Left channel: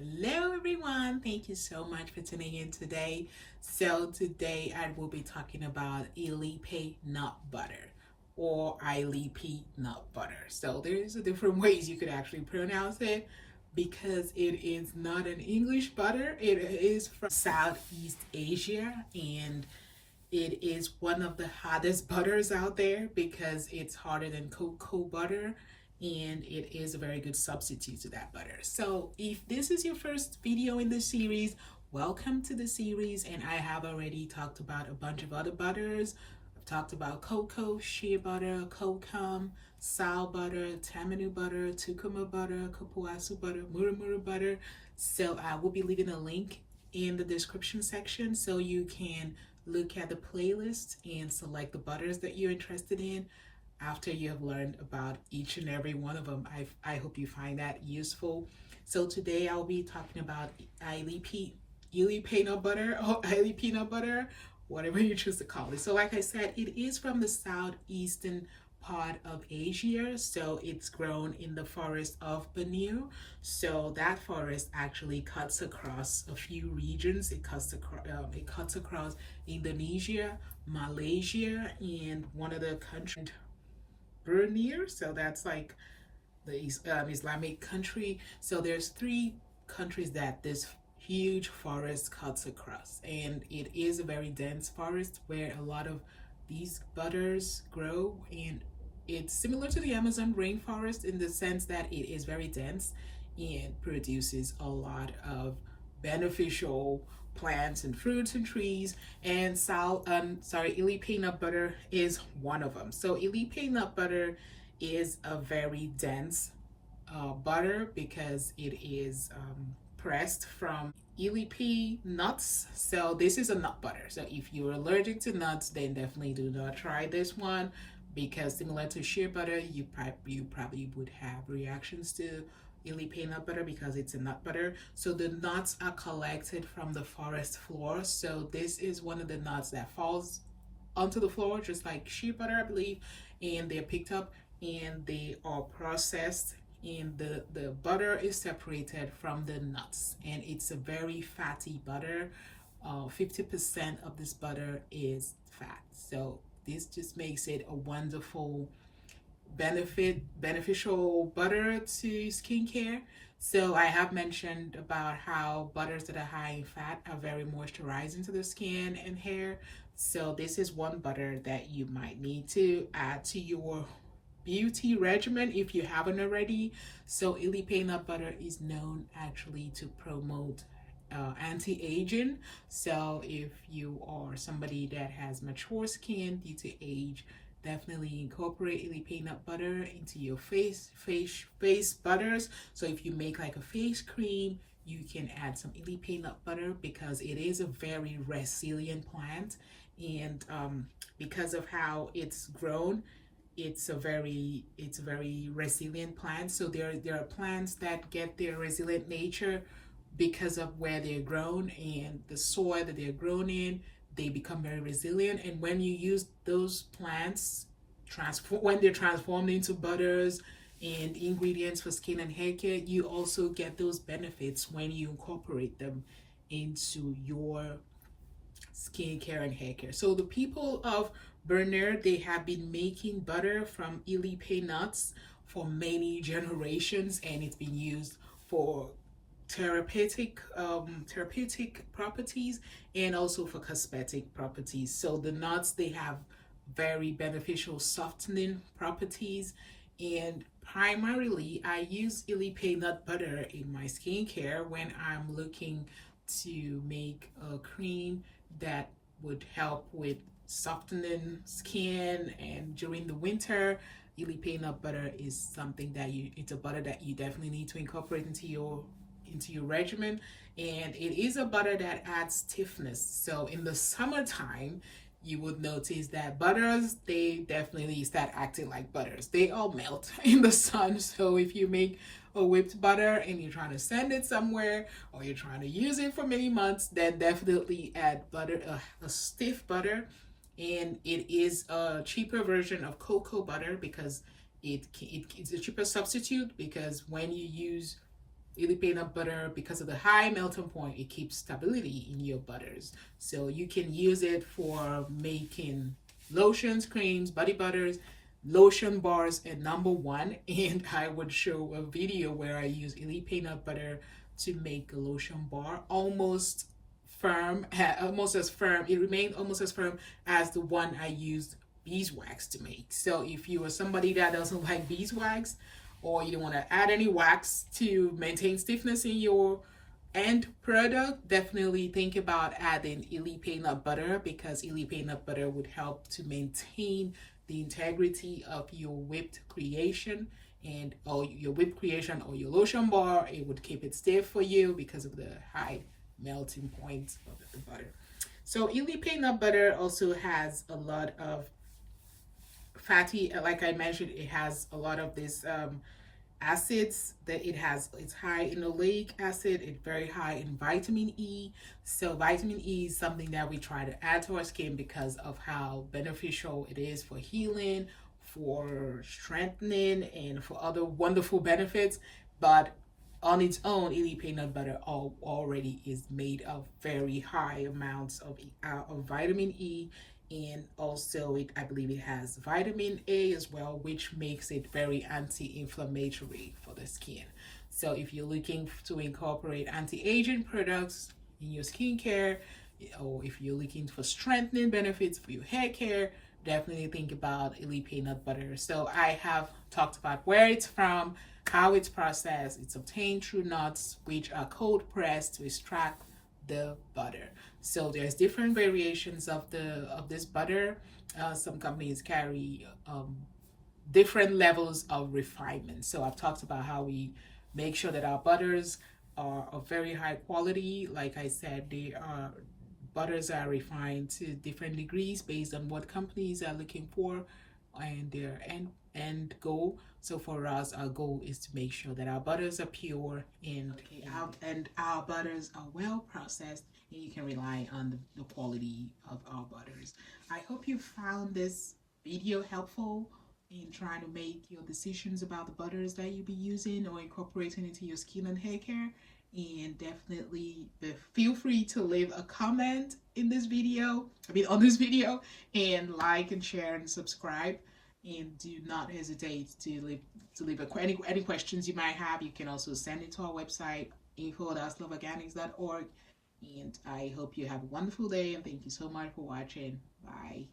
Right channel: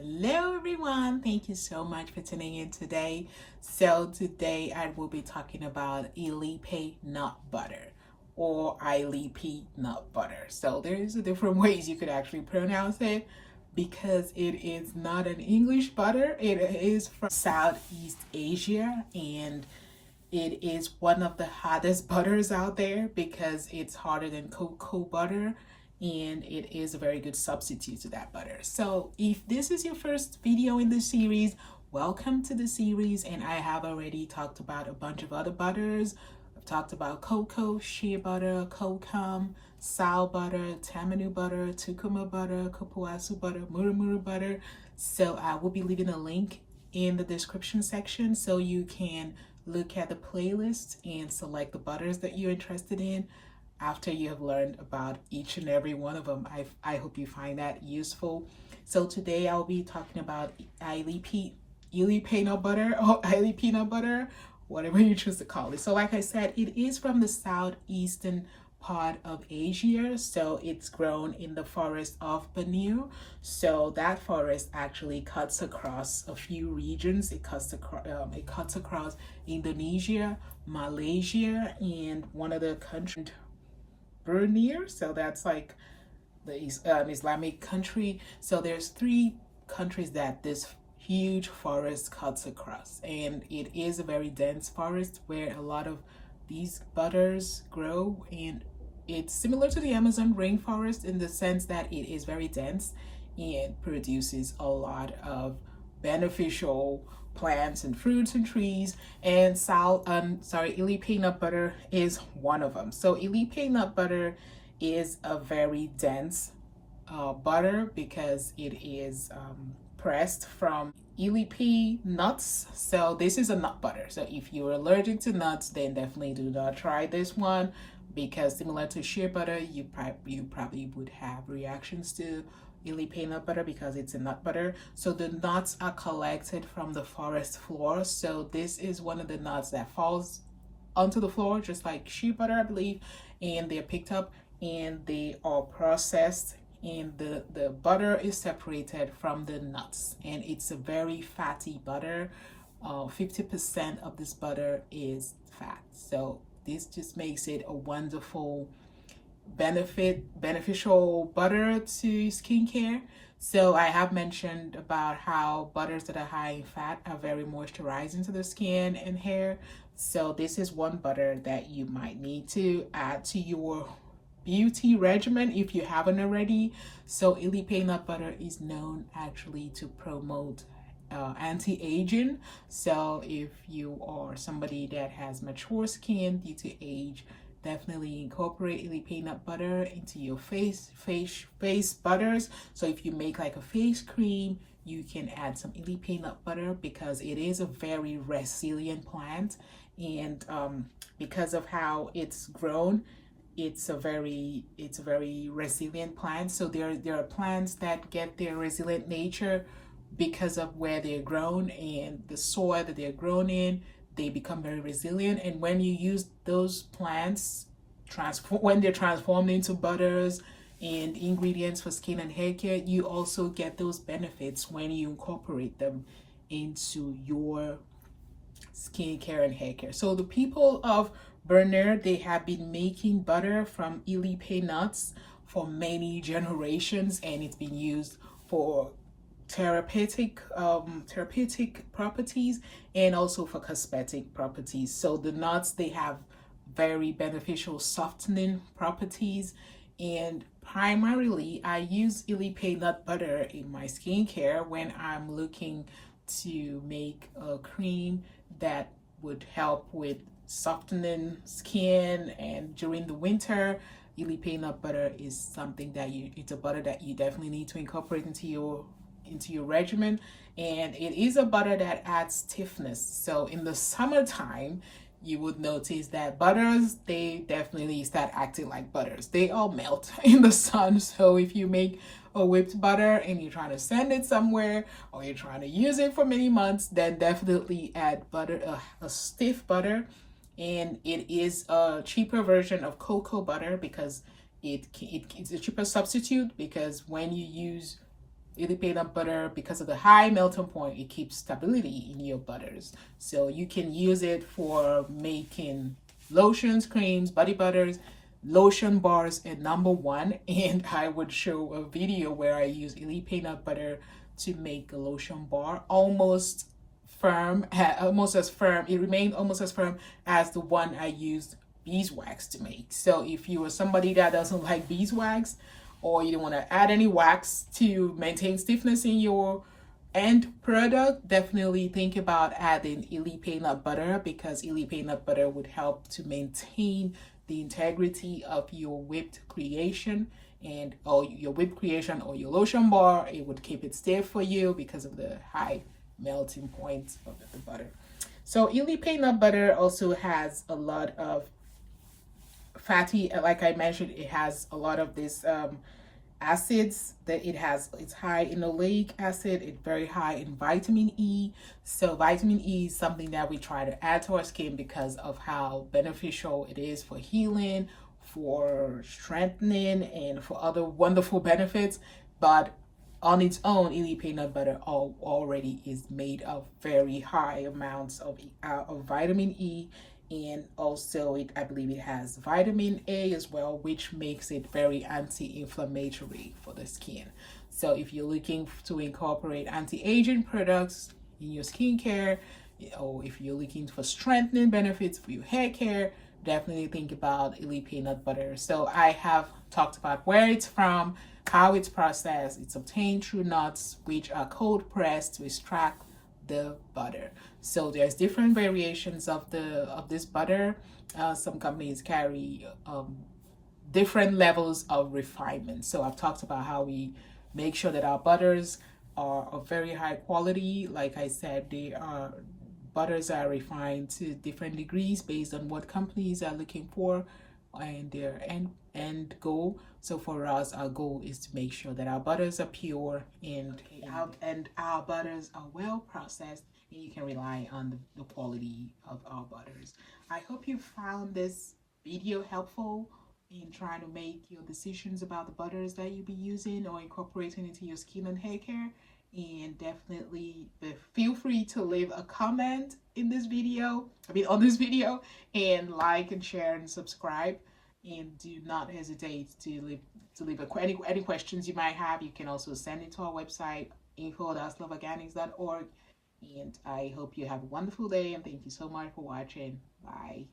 Hello everyone, thank you so much for tuning in today. So today I will be talking about Illipe nut butter or Illipe nut butter. So there's a different ways you could actually pronounce it because it is not an English butter. It is from Southeast Asia and it is one of the hottest butters out there because it's harder than cocoa butter and it is a very good substitute to that butter. So if this is your first video in the series, welcome to the series. And I have already talked about a bunch of other butters. I've talked about cocoa, shea butter, kokum, sow butter, tamanu butter, tukuma butter, kapuasu butter, murumuru butter. So I will be leaving a link in the description section so you can look at the playlist and select the butters that you're interested in after you have learned about each and every one of them. I hope you find that useful. So today I'll be talking about Illipe nut butter or Illipe nut butter, whatever you choose to call it. So like I said, it is from the southeastern part of Asia. So it's grown in the forest of Borneo. So that forest actually cuts across a few regions. It cuts across Indonesia, Malaysia, and one of the countries, Borneo. So that's like the Islamic country. So there's 3 countries that this huge forest cuts across, and it is a very dense forest where a lot of these butters grow, and it's similar to the Amazon rainforest in the sense that it is very dense and produces a lot of beneficial plants and fruits and trees. And Illipe nut butter is one of them. So Illipe nut butter is a very dense butter because it is pressed from Illipe nuts. So this is a nut butter. So if you're allergic to nuts, then definitely do not try this one, because similar to shea butter, you probably would have reactions to Illipe nut butter because it's a nut butter. So the nuts are collected from the forest floor. So this is one of the nuts that falls onto the floor, just like shea butter, I believe, and they're picked up and they are processed, and the butter is separated from the nuts, and it's a very fatty butter. 50% of this butter is fat. So this just makes it a wonderful beneficial butter to skincare. So I have mentioned about how butters that are high in fat are very moisturizing to the skin and hair. So this is one butter that you might need to add to your beauty regimen if you haven't already. So Illipe nut butter is known actually to promote anti-aging. So if you are somebody that has mature skin due to age, definitely incorporate Illipe nut butter into your face butters. So if you make like a face cream, you can add some Illipe nut butter because it is a very resilient plant, and because of how it's grown, it's a very resilient plant. So there are plants that get their resilient nature because of where they're grown and the soil that they're grown in. They become very resilient, and when you use those plants when they're transformed into butters and ingredients for skin and hair care, you also get those benefits when you incorporate them into your skincare and hair care. So the people of Borneo, they have been making butter from Illipe nuts for many generations, and it's been used for therapeutic properties and also for cosmetic properties. So the nuts, they have very beneficial softening properties, and primarily I use Illipe nut butter in my skincare when I'm looking to make a cream that would help with softening skin. And during the winter, Illipe nut butter is something that it's a butter that you definitely need to incorporate into your regimen, and it is a butter that adds stiffness. So in the summertime, you would notice that butters, they definitely start acting like butters. They all melt in the sun. So if you make a whipped butter and you're trying to send it somewhere, or you're trying to use it for many months, then definitely add butter, a stiff butter. And it is a cheaper version of cocoa butter because it's a cheaper substitute, because when you use Illipe nut butter, because of the high melting point, it keeps stability in your butters. So you can use it for making lotions, creams, body butters, lotion bars, and number one. And I would show a video where I use Illipe nut butter to make a lotion bar, almost firm, almost as firm. It remained almost as firm as the one I used beeswax to make. So if you are somebody that doesn't like beeswax, or you don't want to add any wax to maintain stiffness in your end product, definitely think about adding Illipe nut butter, because Illipe nut butter would help to maintain the integrity of your whipped creation, and or your whipped creation or your lotion bar. It would keep it stiff for you because of the high melting point of the butter. So Illipe nut butter also has a lot of fatty, like I mentioned, it has a lot of this acids that it has. It's high in oleic acid, it's very high in vitamin E. So vitamin E is something that we try to add to our skin because of how beneficial it is for healing, for strengthening, and for other wonderful benefits. But on its own, Illipe nut butter already is made of very high amounts of vitamin E, and also I believe it has vitamin A as well, which makes it very anti-inflammatory for the skin. So if you're looking to incorporate anti-aging products in your skincare, or if you're looking for strengthening benefits for your hair care, definitely think about Illipe nut butter. So I have talked about where it's from, how it's processed. It's obtained through nuts, which are cold pressed to extract the butter. So there's different variations of this butter. Some companies carry different levels of refinement. So I've talked about how we make sure that our butters are of very high quality. Like I said, butters are refined to different degrees based on what companies are looking for and their end goal. So for us, our goal is to make sure that our butters are pure and our butters are well processed, and you can rely on the quality of our butters. I hope you found this video helpful in trying to make your decisions about the butters that you'll be using or incorporating into your skin and hair care. And definitely feel free to leave a comment in this video, on this video, and like and share and subscribe. And do not hesitate to leave any questions you might have. You can also send it to our website, info@osloveorganics.org. And I hope you have a wonderful day, and thank you so much for watching. Bye.